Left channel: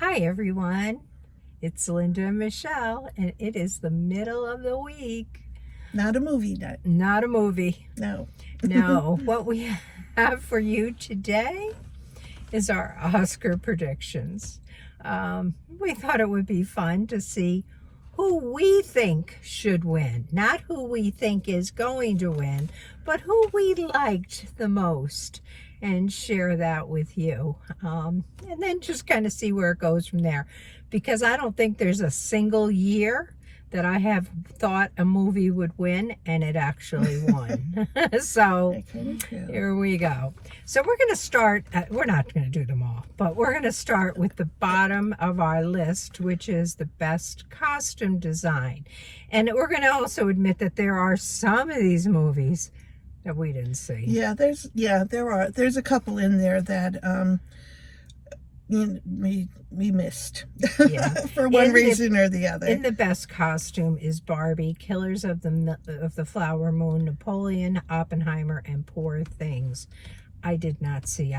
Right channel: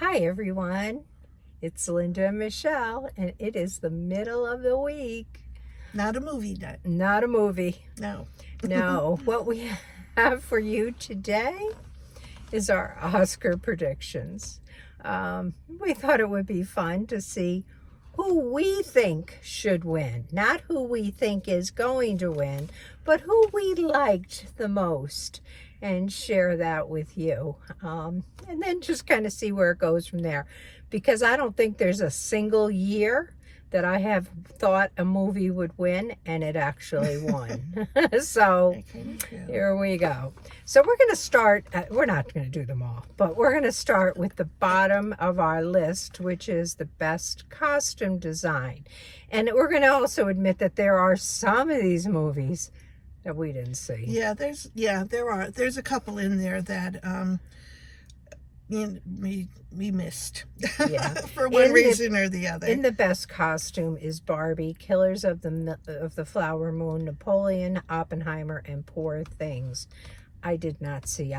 Hi everyone, it's Linda and Michelle, and it is the middle of the week. Not a movie night. Not a movie. No. No. What we have for you today is our Oscar predictions. We thought it would be fun to see who we think should win. Not who we think is going to win, but who we liked the most, and share that with you. And then just kind of see where it goes from there. Because I don't think there's a single year that I have thought a movie would win and it actually won. So here we go. So we're going to start, we're not going to do them all, but we're going to start with the bottom of our list, which is the best costume design. And we're going to also admit that there are some of these movies that we didn't see. There's a couple in there that we missed. Yeah. For one reason or the other. In the best costume is Barbie, Killers of the Flower Moon, Napoleon, Oppenheimer, and Poor Things. I did not see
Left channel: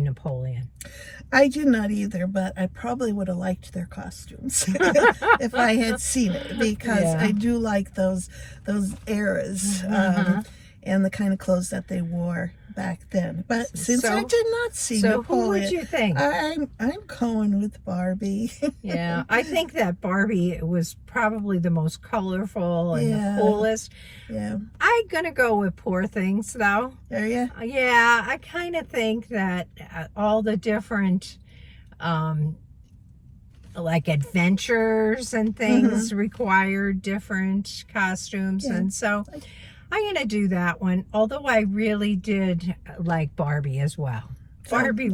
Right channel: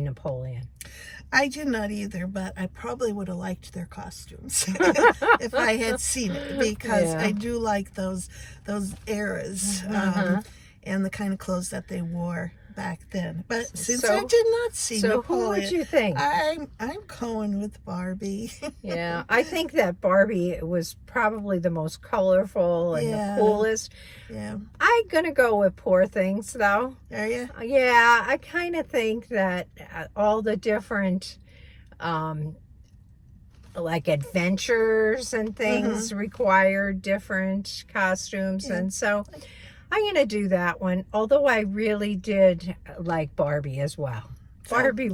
Napoleon. I did not either, but I probably would have liked their costumes if I had seen it, because I do like those eras. And the kind of clothes that they wore back then. But since I did not see Napoleon, who would you think? I'm going with Barbie. Yeah, I think that Barbie was probably the most colorful and the coolest. Yeah. I'm going to go with Poor Things, though. Are you? Yeah, I kind of think that all the different like adventures and things require different costumes, and so I'm going to do that one, although I really did like Barbie as well. Barbie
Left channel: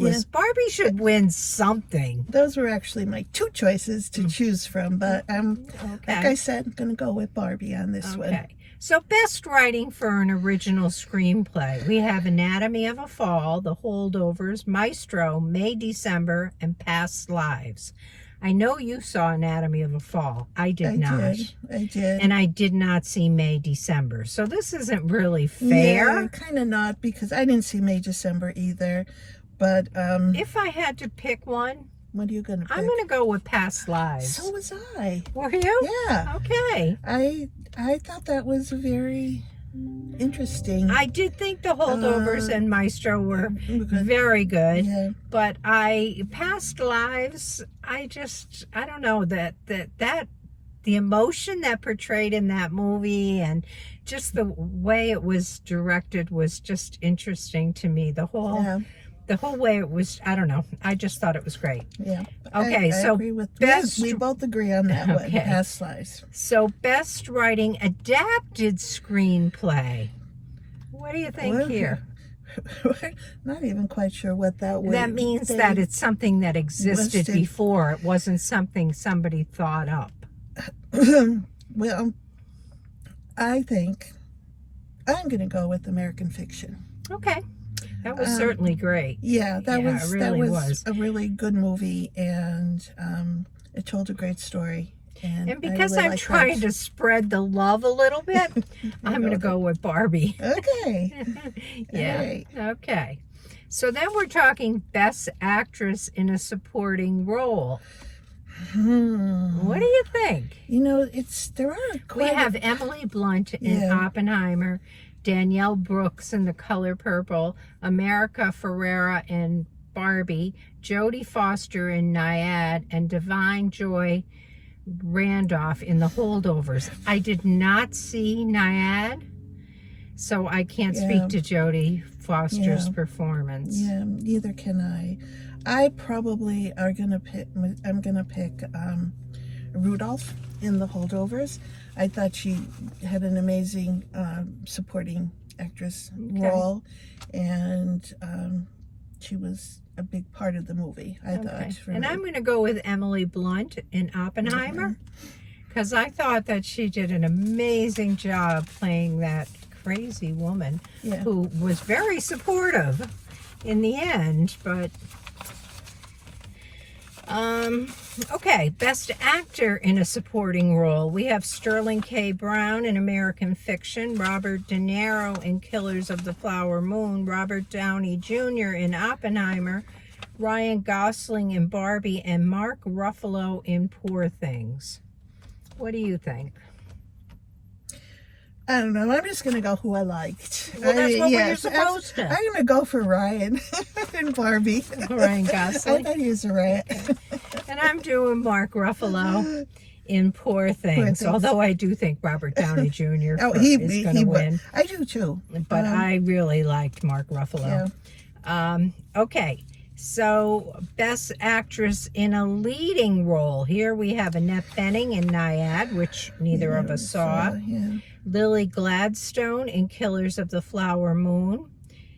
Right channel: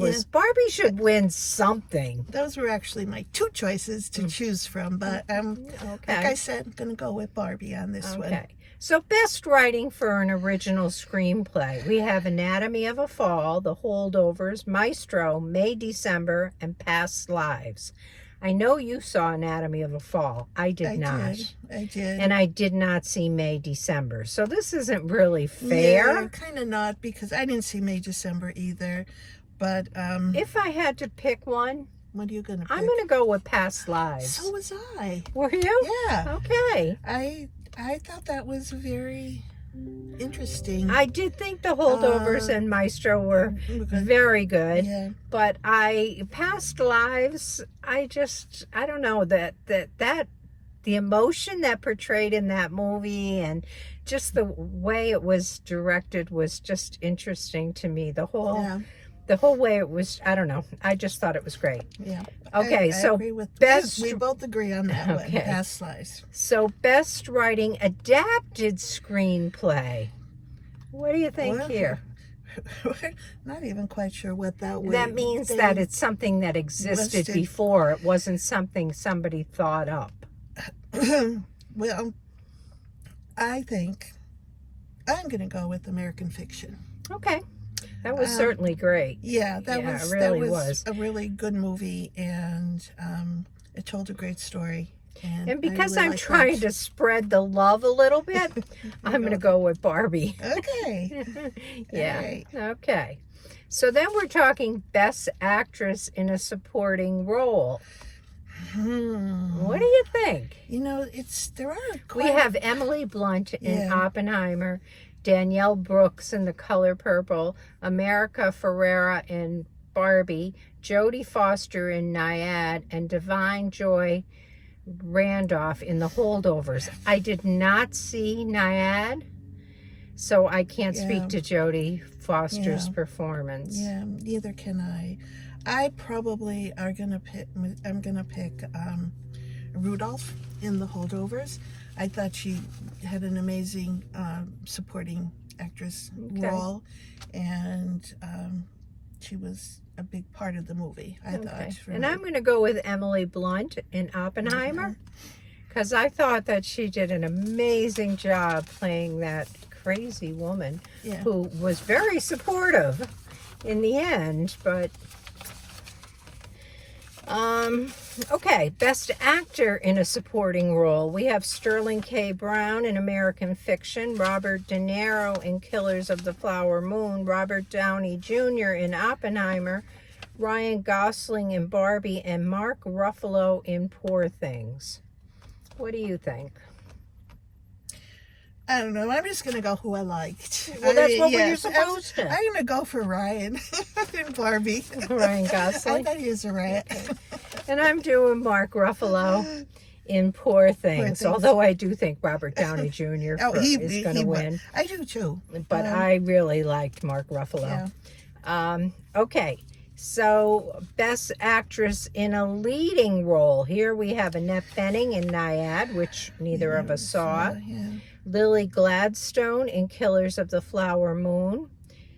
should win something. Those were actually my two choices to choose from, but like I said, I'm going to go with Barbie on this one. So best writing for an original screenplay. We have Anatomy of a Fall, The Holdovers, Maestro, May, December, and Past Lives. I know you saw Anatomy of a Fall. I did not. I did. And I did not see May, December. So this isn't really fair. Yeah, kind of not, because I didn't see May, December either. But if I had to pick one, what are you going to pick? I'm going to go with Past Lives. So was I. Were you? Yeah. Okay. I thought that was very interesting. I did think The Holdovers and Maestro were very good, but Past Lives, I don't know, that the emotion that portrayed in that movie and just the way it was directed was just interesting to me. The whole way it was, I don't know, I just thought it was great. Yeah. Okay, I agree with best. We both agree on that one. Past Lives. So best writing adapted screenplay. What do you think here? Not even quite sure what that was. That means that it's something that existed before. It wasn't something somebody thought up. Well, I think I'm going to go with American Fiction. Okay. That was certainly great. Yeah, that was a really good movie, and it told a great story. And because I'm trying to spread the love a little bit, I'm going to go with Barbie. Okay. Yeah. Okay. So then we're talking Best Actress in a Supporting Role. What do you think? You know, we have Emily Blunt in Oppenheimer, Danielle Brooks in The Color Purple, America Ferrera in Barbie, Jodie Foster in Nyad, and Divine Joy Randolph in The Holdovers. I did not see Nyad, so I can't speak to Jodie Foster's performance. Yeah, neither can I. I probably I'm gonna pick Rudolph in The Holdovers. I thought she had an amazing supporting actress role, and she was a big part of the movie, I thought. And I'm going to go with Emily Blunt in Oppenheimer, because I thought that she did an amazing job playing that crazy woman who was very supportive in the end, but okay, Best Actor in a Supporting Role. We have Sterling K. Brown in American Fiction, Robert De Niro in Killers of the Flower Moon, Robert Downey Jr. in Oppenheimer, Ryan Gosling in Barbie, and Mark Ruffalo in Poor Things. What do you think? I don't know. I'm just gonna go who I liked. Well, that's what you're supposed to. I'm gonna go for Ryan and Barbie. Ryan Gosling. I'd use a Ryan. And I'm doing Mark Ruffalo in Poor Things. Although I do think Robert Downey Jr. is going to win. I do too. But I really liked Mark Ruffalo. Yeah. Okay. So, Best Actress in a Leading Role. Here we have Annette Bening in Nyad, which neither of us saw. Yeah. Lily Gladstone in Killers of the Flower Moon.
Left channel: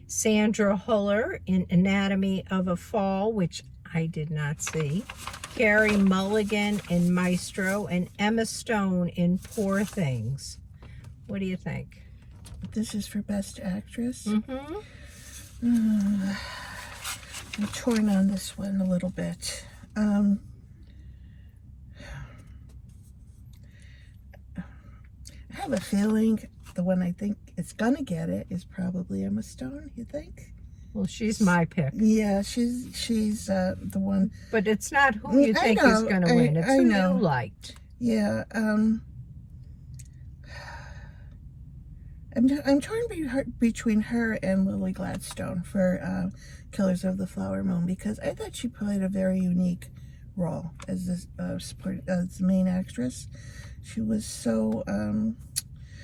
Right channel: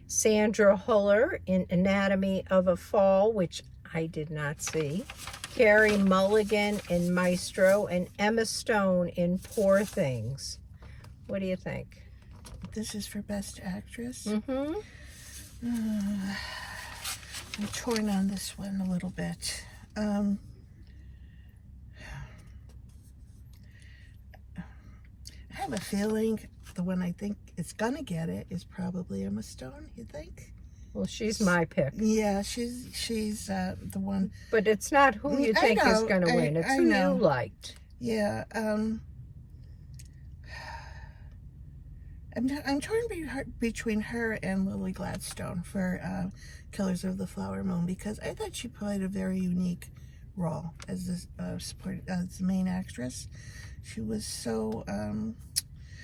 Sandra Huller in Anatomy of a Fall, which I did not see. Carey Mulligan in Maestro, and Emma Stone in Poor Things. What do you think? This is for Best Actress. Mm-hmm. I'm torn on this one a little bit. I have a feeling the one I think is gonna get it is probably Emma Stone. You think? Well, she's my pick. Yeah, she's the one. But it's not who you think is going to win. It's who you liked. Yeah. I'm torn between her and Lily Gladstone for Killers of the Flower Moon, because I thought she played a very unique role as the main actress. She was so.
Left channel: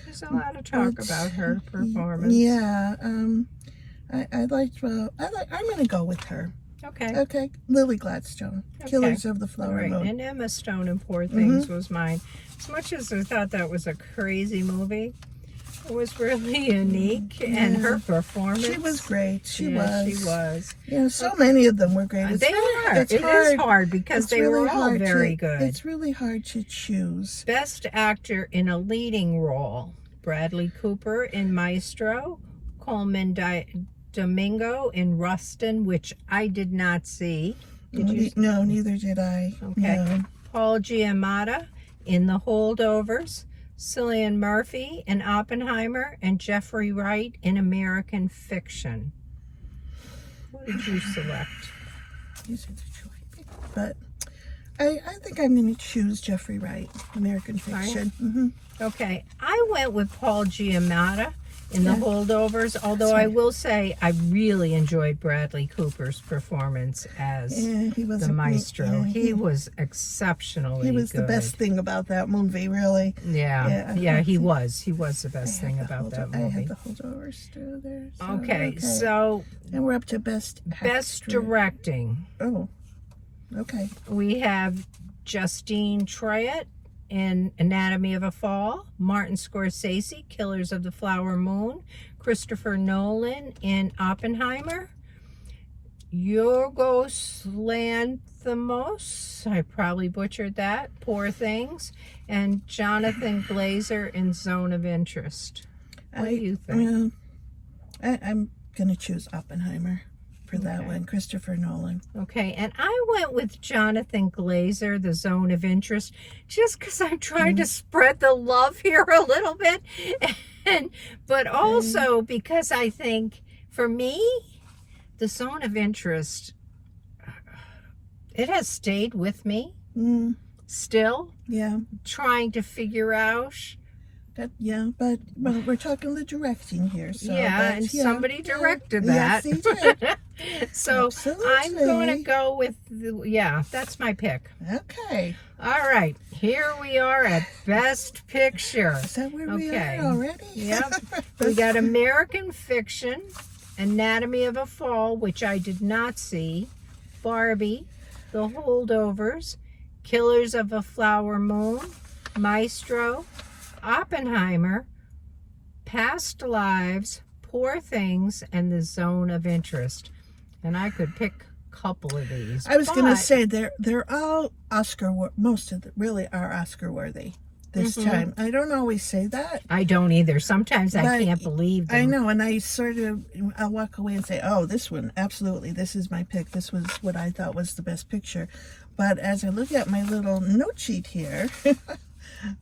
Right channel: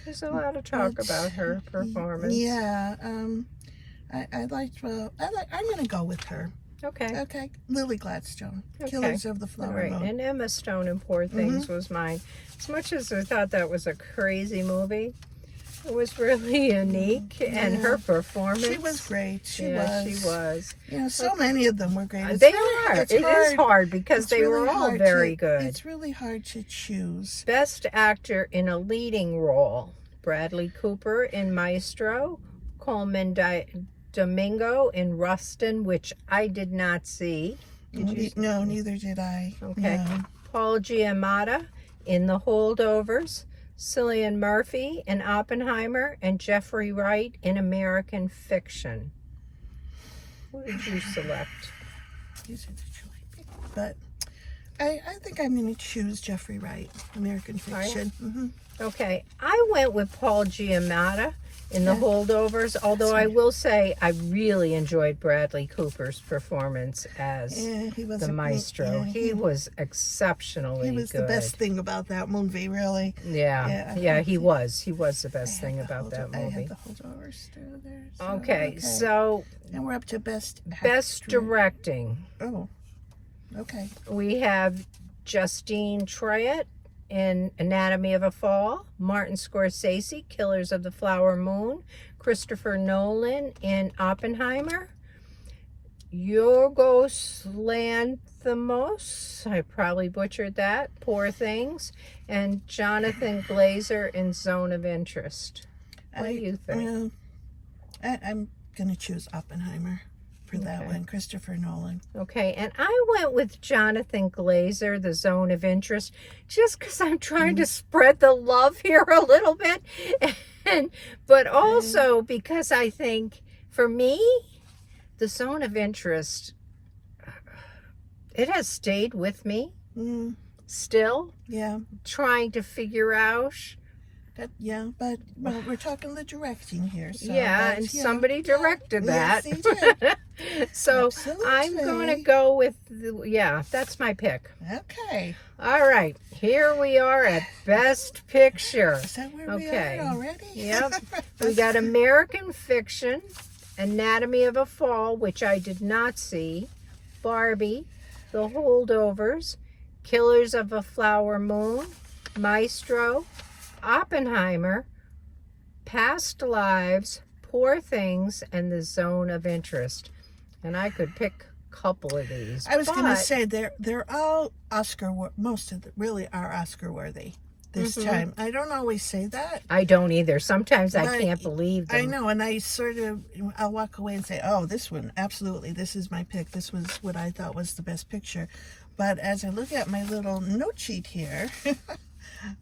There's a lot of talk about her performance. Yeah. I liked. I'm going to go with her. Okay. Okay. Lily Gladstone. Okay. Killers of the Flower Moon. And Emma Stone in Poor Things was mine. As much as I thought that was a crazy movie, it was really unique, and her performance. She was great. She was. Yeah, so many of them were great. They are. It is hard because they were all very good. It's really hard to choose. Best Actor in a Leading Role. Bradley Cooper in Maestro. Coleman Domingo in Rustin, which I did not see. Did you? No, neither did I. Okay. No. Paul Giamatti in The Holdovers. Cillian Murphy in Oppenheimer, and Jeffrey Wright in American Fiction. What did you select? These are the two I picked. But I think I'm going to choose Jeffrey Wright, American Fiction. Mm-hmm. Okay, I went with Paul Giamatti in The Holdovers, although I will say I really enjoyed Bradley Cooper's performance as the Maestro. He was exceptionally good. He was the best thing about that movie, really. Yeah, he was. He was the best thing about that movie. I have The Holdovers still there. So, okay, so... And we're up to Best Directing. Oh, okay. We have Justine Triet in Anatomy of a Fall, Martin Scorsese, Killers of the Flower Moon, Christopher Nolan in Oppenheimer, Yorgos Lanthimos, I probably butchered that, Poor Things, and Jonathan Glazer in Zone of Interest. What do you think? I'm going to choose Oppenheimer for that one, Christopher Nolan. Okay, and I went with Jonathan Glazer, The Zone of Interest, just because I'm trying to spread the love here a little bit, but also because I think, for me, The Zone of Interest, it has stayed with me still. Yeah. Trying to figure out. But we're talking the directing here. So and somebody directed that. Yes, he did. So absolutely. I'm going to go with, that's my pick. Okay. All right, here we are at Best Picture. Is that where we are already? Yep. We got American Fiction, Anatomy of a Fall, which I did not see, Barbie, The Holdovers, Killers of a Flower Moon, Maestro, Oppenheimer, Past Lives, Poor Things, and The Zone of Interest. And I could pick a couple of these. I was going to say they're all most of them really are Oscar worthy this time. I don't always say that. I don't either. Sometimes I can't believe them. I know, and I'll walk away and say, oh, this one, absolutely, this is my pick. This was what I thought was the best picture. But as I look at my little note sheet here,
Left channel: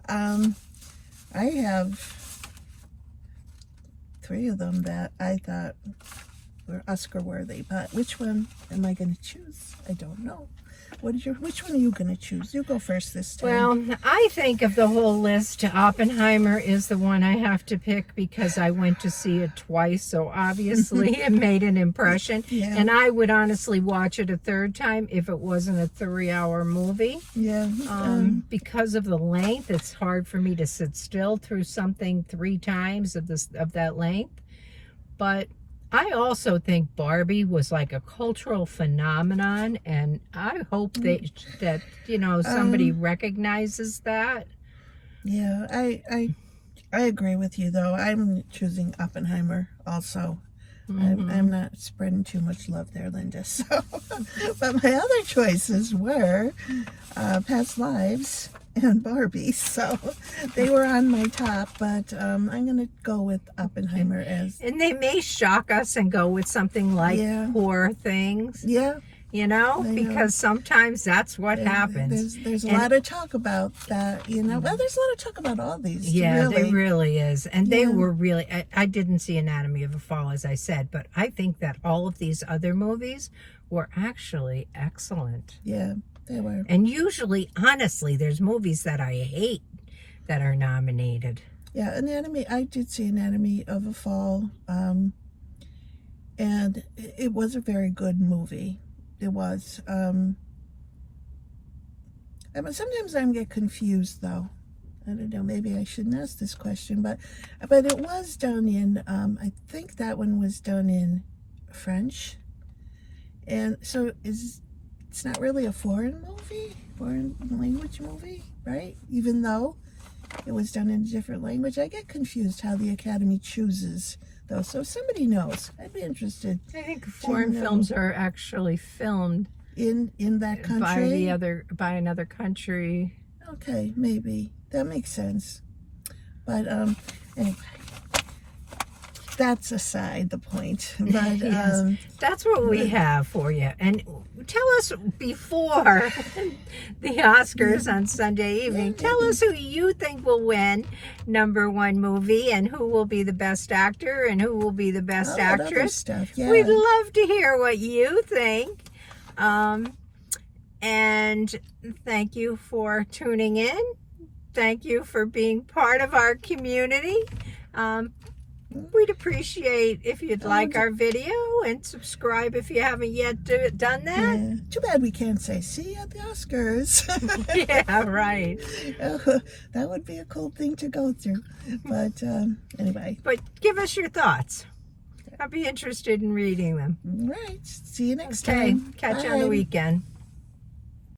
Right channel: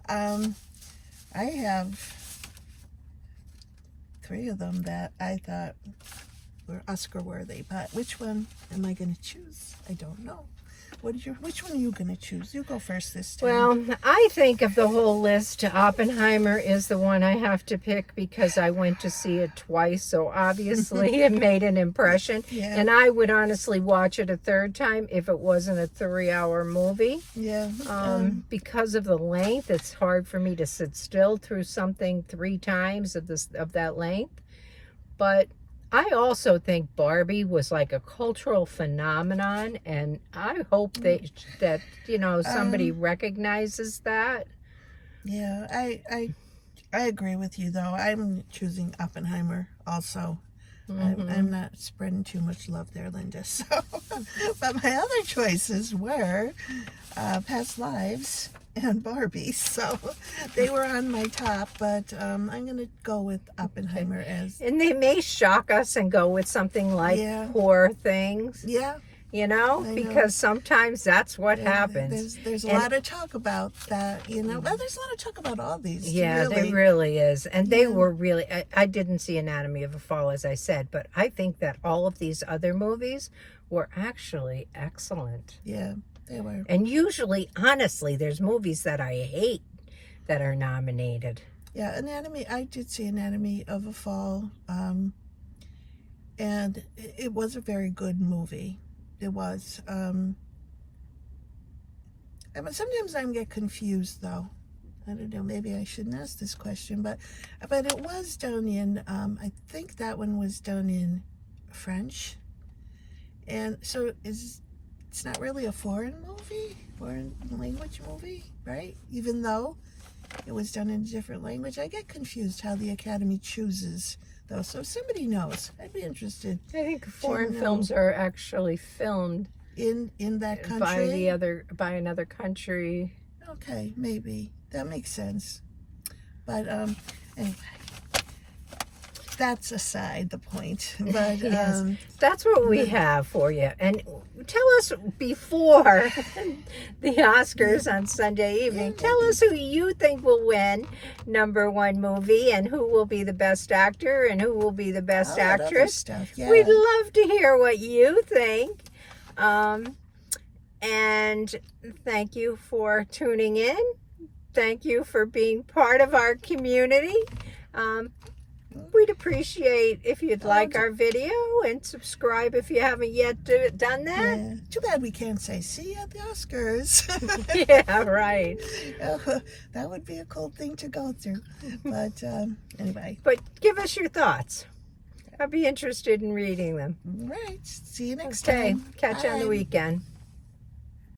I have 3 of them that I thought or Oscar worthy. But which one am I going to choose? I don't know. Which one are you going to choose? You go first this time. Well, I think of the whole list, Oppenheimer is the one I have to pick because I went to see it twice, so obviously it made an impression. Yeah. And I would honestly watch it a third time if it wasn't a 3-hour movie. Yeah. Because of the length, it's hard for me to sit still through something 3 times of that length. But I also think Barbie was like a cultural phenomenon, and I hope that somebody recognizes that. Yeah, I agree with you though. I'm choosing Oppenheimer also. I'm not spreading too much love there, Linda. So, but my other choices were Past Lives and Barbie, so they were on my top, but I'm going to go with Oppenheimer as... And they may shock us and go with something like Poor Things. Yeah. Because sometimes that's what happens. There's a lot of talk about that, but there's a lot of talk about all these. Yeah, there really is. And they were really, I didn't see Anatomy of a Fall, as I said, but I think that all of these other movies were actually excellent. Yeah. They were. And usually, honestly, there's movies that I hate that are nominated. Yeah, I did see Anatomy of a Fall, and it was a very good movie. It was. Sometimes I get confused, though. I don't know, maybe I shouldn't ask this question, but it was done in, I think that one was done in French. And so it's not really a foreign language movie, right? Even though it was done in a different language. I get confused how the Academy chooses, though. So if somebody knows, I'd be interested. I think foreign films are actually filmed in that country by another country. Okay, maybe that makes sense. But anyway. That's aside the point. But yes, that's what we have for you. And tell us before the Oscars on Sunday evening, tell us who you think will win #1 movie and who will be the best actor and who will be the best actress. Stuff. Yeah. We'd love to hear what you think. And thank you for tuning in. Thank you for being part of our community. We'd appreciate if you'd like our video and subscribe if you haven't yet done that. Yeah. Too bad we can't say, see you at the Oscars. Yeah, right. That would be a cool thing to go through. But anyway. But give us your thoughts. I'd be interested in reading them. Right. See you next time. Catch you on the weekend.